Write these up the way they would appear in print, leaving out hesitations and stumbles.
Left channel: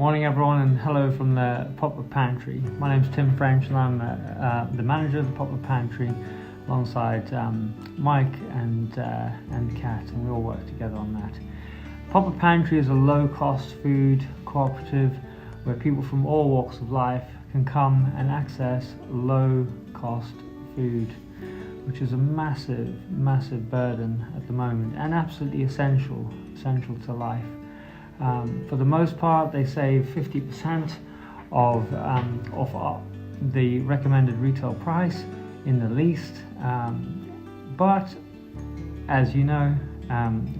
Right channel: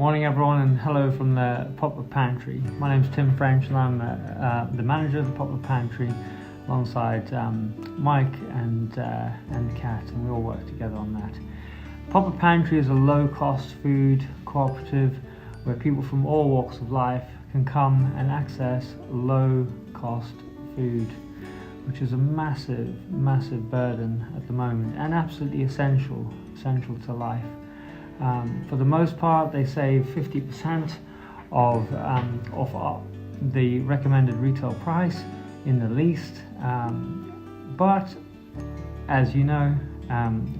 Morning everyone, and hello from the Pop-Up Pantry. My name's Tim French and I'm the manager of the Pop-Up Pantry alongside Mike and Kat, and we all work together on that. Pop-Up Pantry is a low-cost food cooperative where people from all walks of life can come and access low-cost food, which is a massive burden at the moment and absolutely essential to life. For the most part, they save 50% of the recommended retail price in the least. But as you know,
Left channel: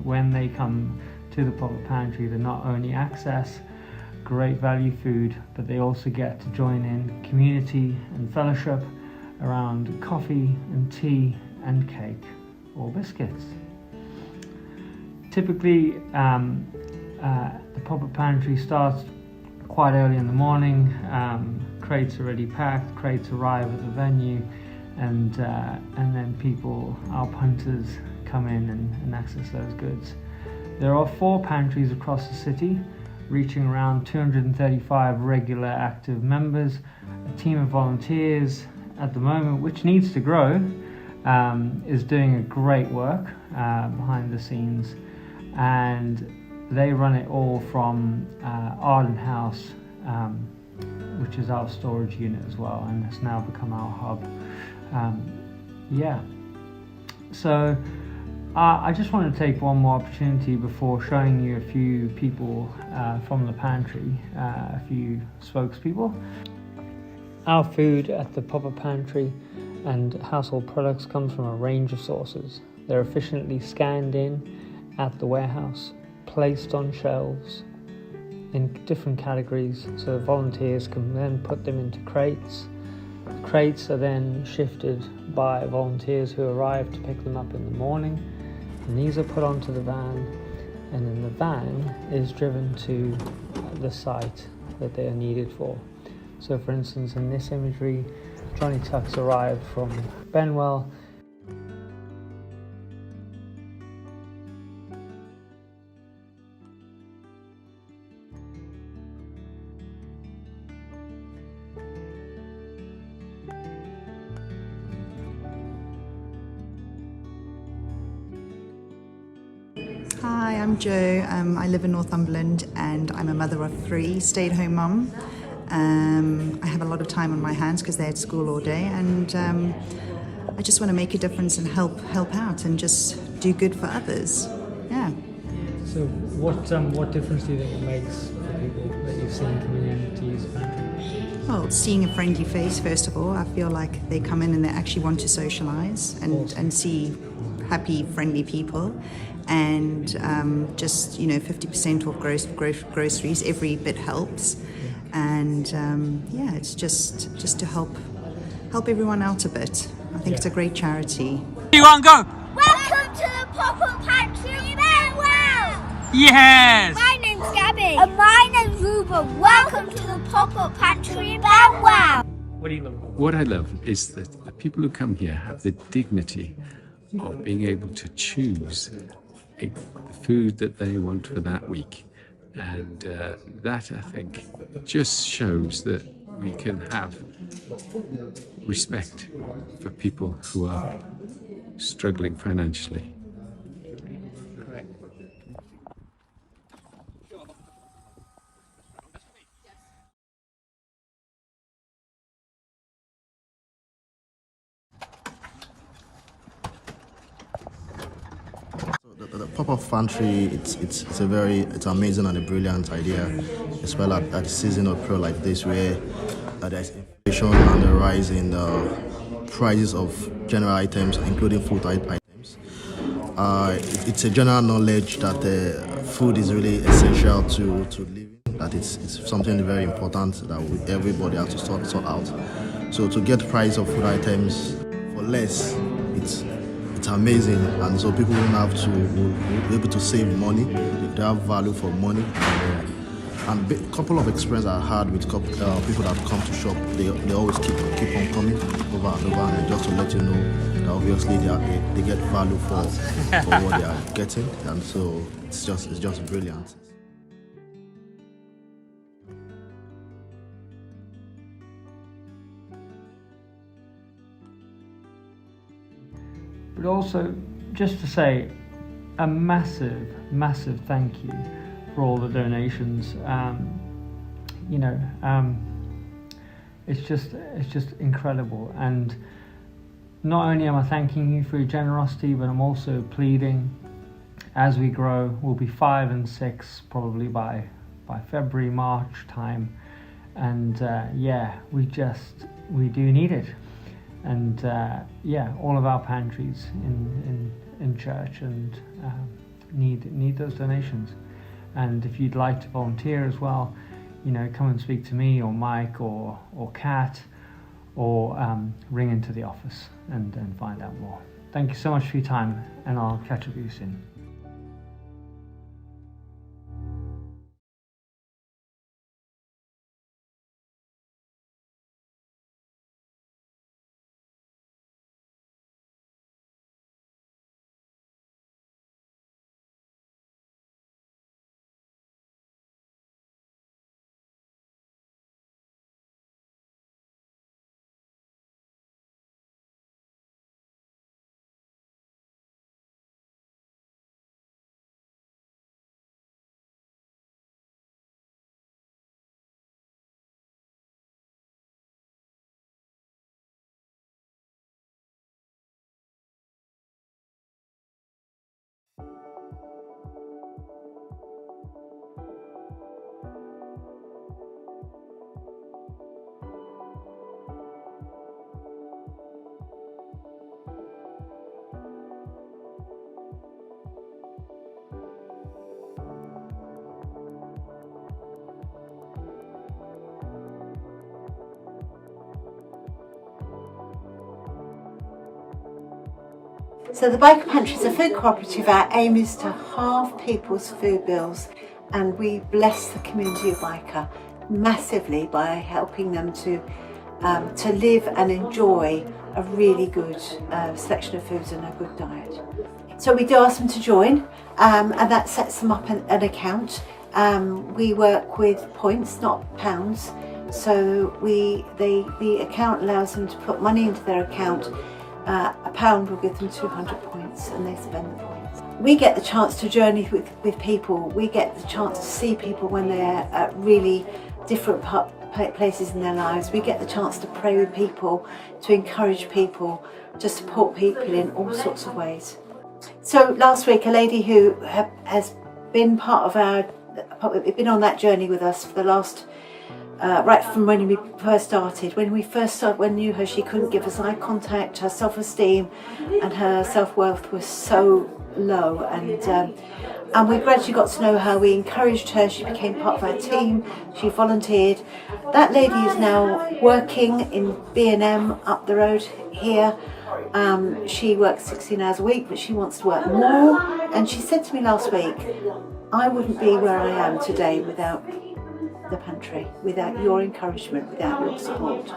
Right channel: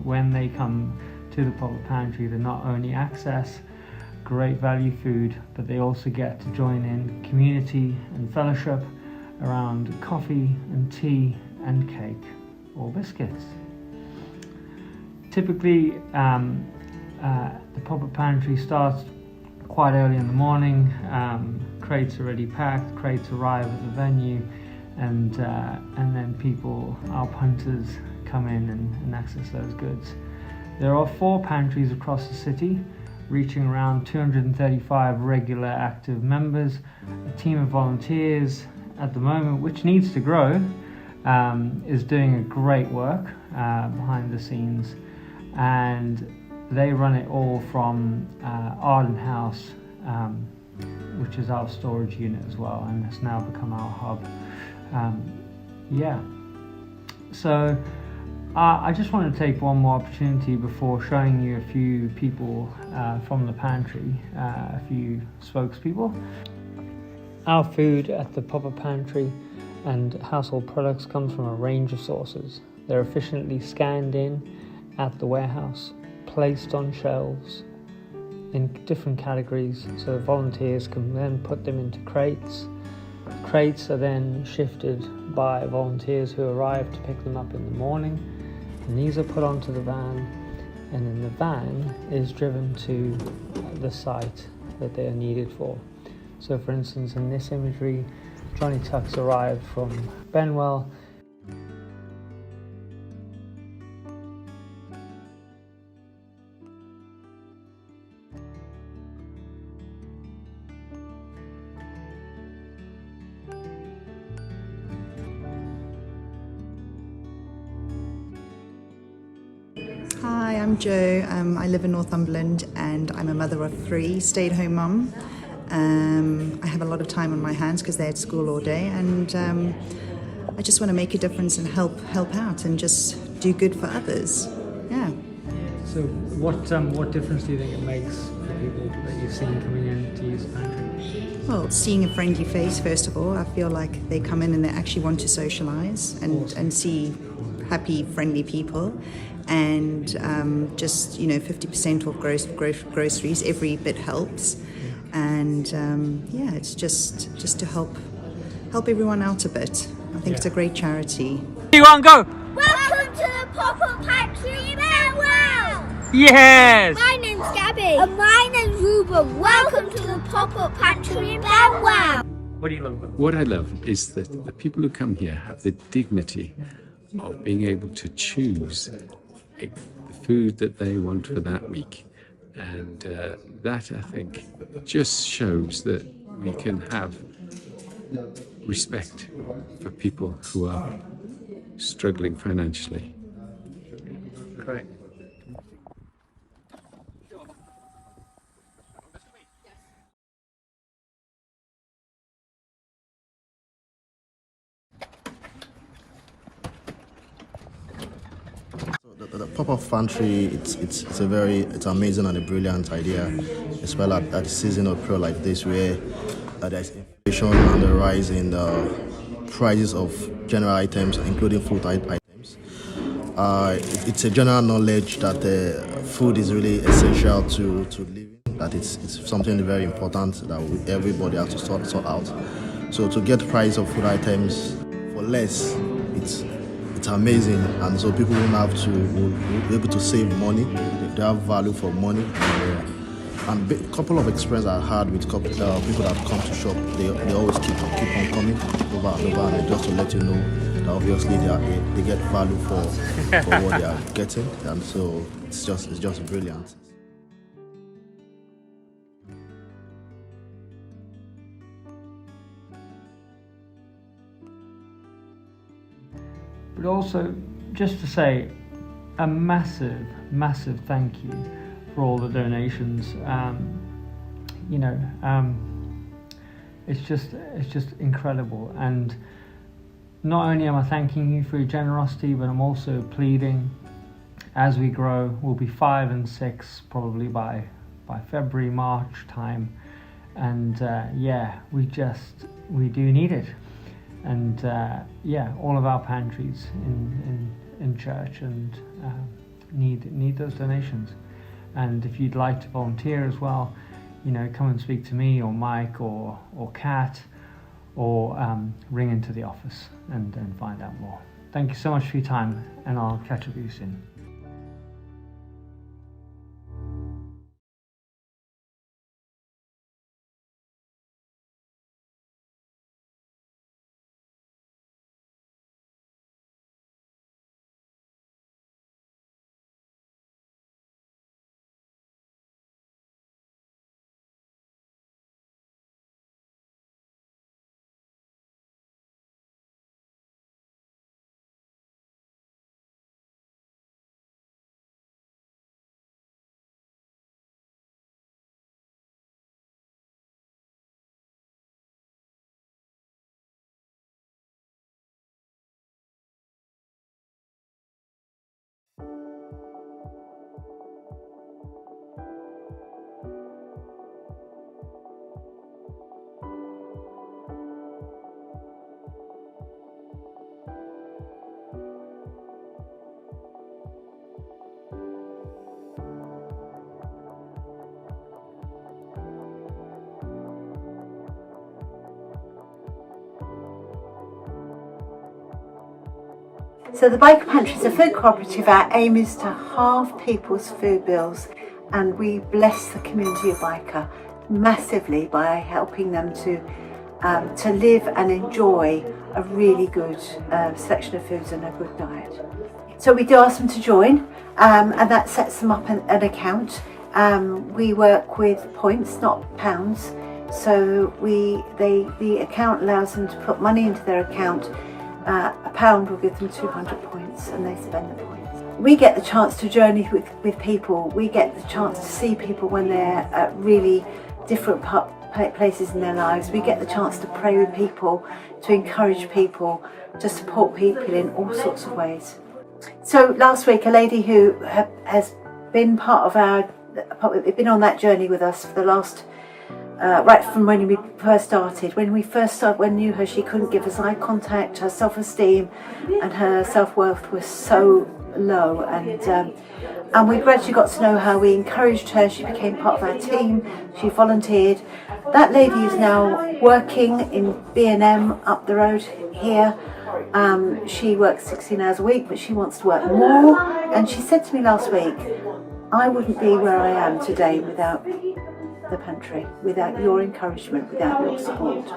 when they come to the Pop-Up Pantry, they not only access great value food, but they also get to join in community and fellowship around coffee and tea and cake or biscuits. Typically, the Pop-Up Pantry starts quite early in the morning. Crates are already packed, crates arrive at the venue, and then people, our punters, come in and access those goods. There are 4 pantries across the city, reaching around 235 regular active members, a team of volunteers at the moment, which needs to grow, is doing a great work behind the scenes, and they run it all from Arden House, which is our storage unit as well, and has now become our hub. So I just want to take one more opportunity before showing you a few people from the pantry, a few spokespeople. Our food at the Pop-Up Pantry and household products comes from a range of sources. They're efficiently scanned in at the warehouse, placed on shelves in different categories, so volunteers can then put them into crates. Crates are then shifted by volunteers who arrive to pick them up in the morning, and these are put onto the van, and then the van is driven to the site that they are needed for. So for instance, in this imagery, Johnny Tuck's arrived from Benwell. Hi, I'm Jo. I live in Northumberland and I'm a mother of 3, stay-at-home mum. I have a lot of time on my hands because they're at school all day, and I just want to make a difference and help out and just do good for others. Yeah. So what difference do you think it makes for people that you've seen coming in to use the pantry? Well, seeing a friendly face, first of all, I feel like they come in and they actually want to socialise and see happy, friendly people. And just 50% off groceries, every bit helps, and it's just to help everyone out a bit. I think it's a great charity. Everyone go! Welcome to the Pop-Up Pantry in Benwell! Yes! My name's Gabby. And my name's Ruben. Welcome to the Pop-Up Pantry in Benwell! What do you love about it? What I love is that the people who come here have the dignity of being able to choose the food that they want for that week, and that, I think, just shows that we can have respect for people who are struggling financially. Great. The Pop-Up Pantry, it's amazing and a brilliant idea, especially at the season of prayer like this, where there's inflation and the rise in the prices of general items, including food items. It's a general knowledge that food is really essential to living, that it's something very important that everybody has to sort out. So to get price of food items for less, it's amazing, and so people will be able to save money. They have value for money, and a couple of experiences I had with people that come to shop. They always keep on coming over and over, and just to let you know that obviously they get value for what they are getting, and so it's just brilliant. but also just to say a massive, massive thank you for all the donations. It's just incredible, and not only am I thanking you for your generosity, but I'm also pleading as we grow. We'll be 5 and 6 probably by February, March time, and we do need it, and all of our pantries in church and need those donations. And if you'd like to volunteer as well, come and speak to me or Mike or Kat, or ring into the office and find out more. Thank you so much for your time, and I'll catch up with you soon. So the Biker Pantry is a food cooperative. Our aim is to halve people's food bills, and we bless the community of Biker massively by helping them to live and enjoy a really good selection of foods and a good diet. So we do ask them to join, and that sets them up an account. We work with points, not pounds. So the account allows them to put money into their account. A pound will give them 200 points, and they spend the points. We get the chance to journey with people. We get the chance to see people when they're at really different places in their lives. We get the chance to pray with people, to encourage people, to support people in all sorts of ways. So last week, a lady who has been been on that journey with us for the last right from when we first started. When we knew her, she couldn't give us eye contact. Her self-esteem and her self-worth was so low, and we gradually got to know her. We encouraged her. She became part of our team. She volunteered. That lady is now working in B&M up the road here. She works 16 hours a week, but she wants to work more. And she said to me last week, I wouldn't be where I am today without the pantry, without your encouragement, without your support.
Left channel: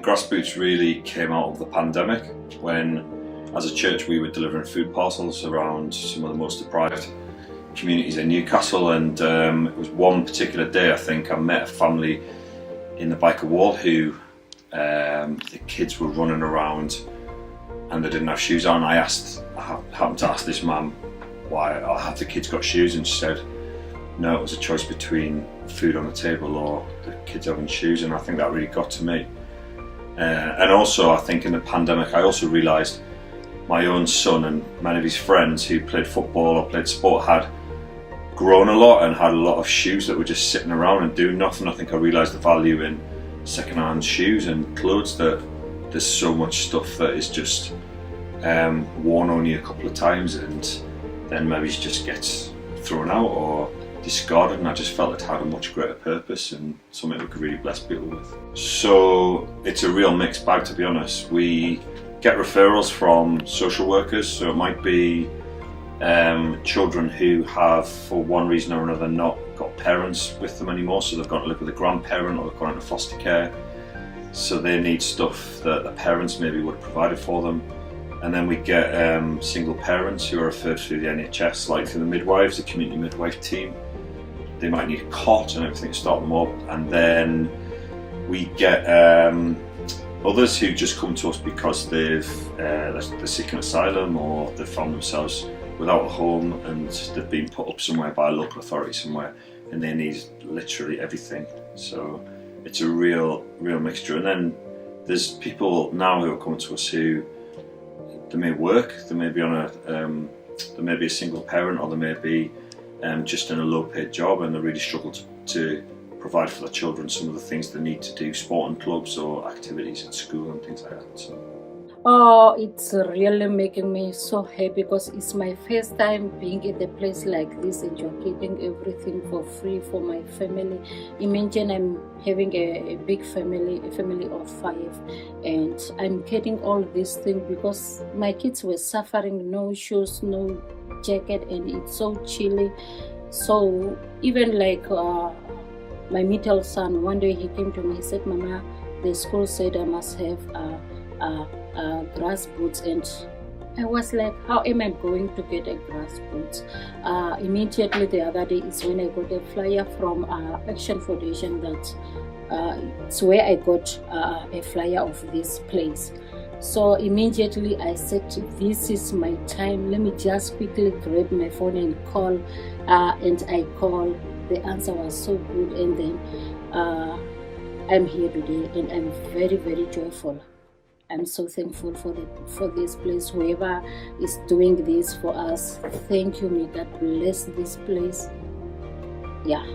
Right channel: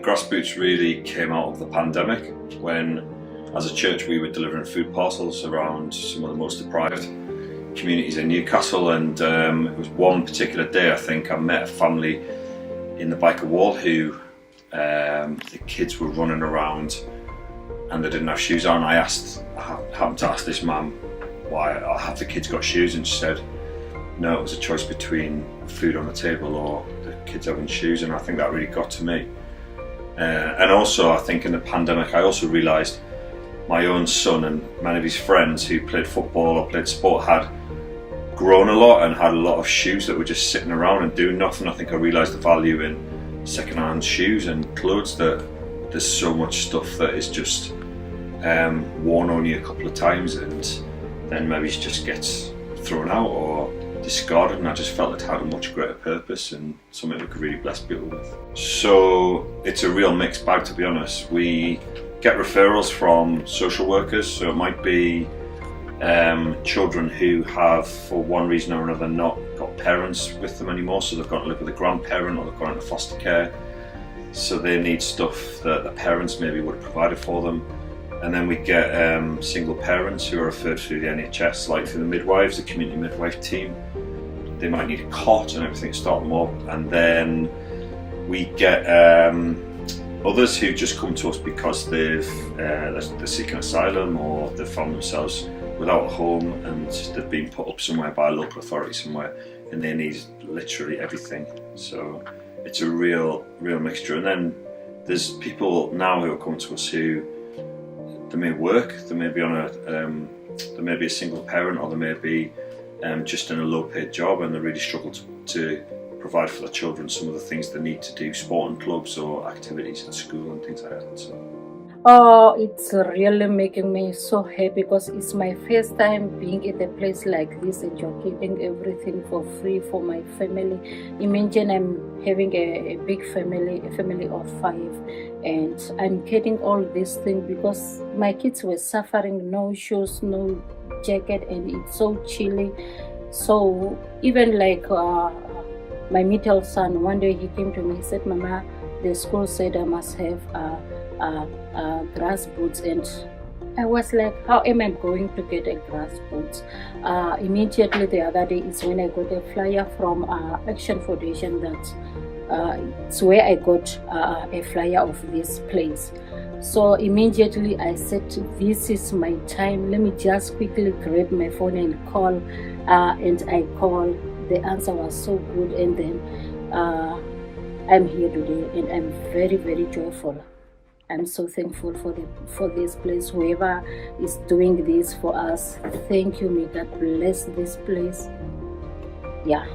Grassboots really came out of the pandemic when, as a church, we were delivering food parcels around some of the most deprived communities in Newcastle, and it was one particular day, I think, I met a family in the Biker Wall who the kids were running around and they didn't have shoes on. I happened to ask this mum why have the kids got shoes, and she said no, it was a choice between food on the table or the kids having shoes, and I think that really got to me. And also, I think in the pandemic, I also realised my own son and many of his friends who played football or played sport had grown a lot and had a lot of shoes that were just sitting around and doing nothing. I think I realised the value in second-hand shoes and clothes, that there's so much stuff that is just worn only a couple of times and then maybe it just gets thrown out or discarded, and I just felt it had a much greater purpose and something we could really bless people with. So it's a real mixed bag, to be honest. We get referrals from social workers, so it might be children who have, for one reason or another, not got parents with them anymore, so they've gone to live with a grandparent or they've gone into foster care, so they need stuff that the parents maybe would have provided for them. And then we get single parents who are referred through the NHS, like through the midwives, the community midwife team. They might need a cot and everything to start them up. And then we get others who just come to us because they're seeking asylum or they've found themselves without a home and they've been put up somewhere by a local authority somewhere and they need literally everything. So it's a real mixture. And then there's people now who are coming to us who they may work, they may be on they may be a single parent, or they may be just in a low-paid job, and they really struggle to provide for their children some of the things they need to do, sporting clubs or activities at school and things like that. So. Oh, it's really making me so happy because it's my first time being in a place like this and you're getting everything for free for my family. Imagine I'm having a big family, a family of 5, and I'm getting all these things because my kids were suffering, no shoes, no jacket, and it's so chilly. So even like my middle son, one day he came to me, he said, "Mama, the school said I must have grass boots," and I was like, how am I going to get a grass boots? Immediately the other day is when I got a flyer from Action Foundation that it's where I got a flyer of this place. So immediately I said, this is my time, let me just quickly grab my phone and call, and I called. The answer was so good, and then I'm here today and I'm very, very joyful. I'm so thankful for this place. Whoever is doing this for us, thank you. May God bless this place. Yeah.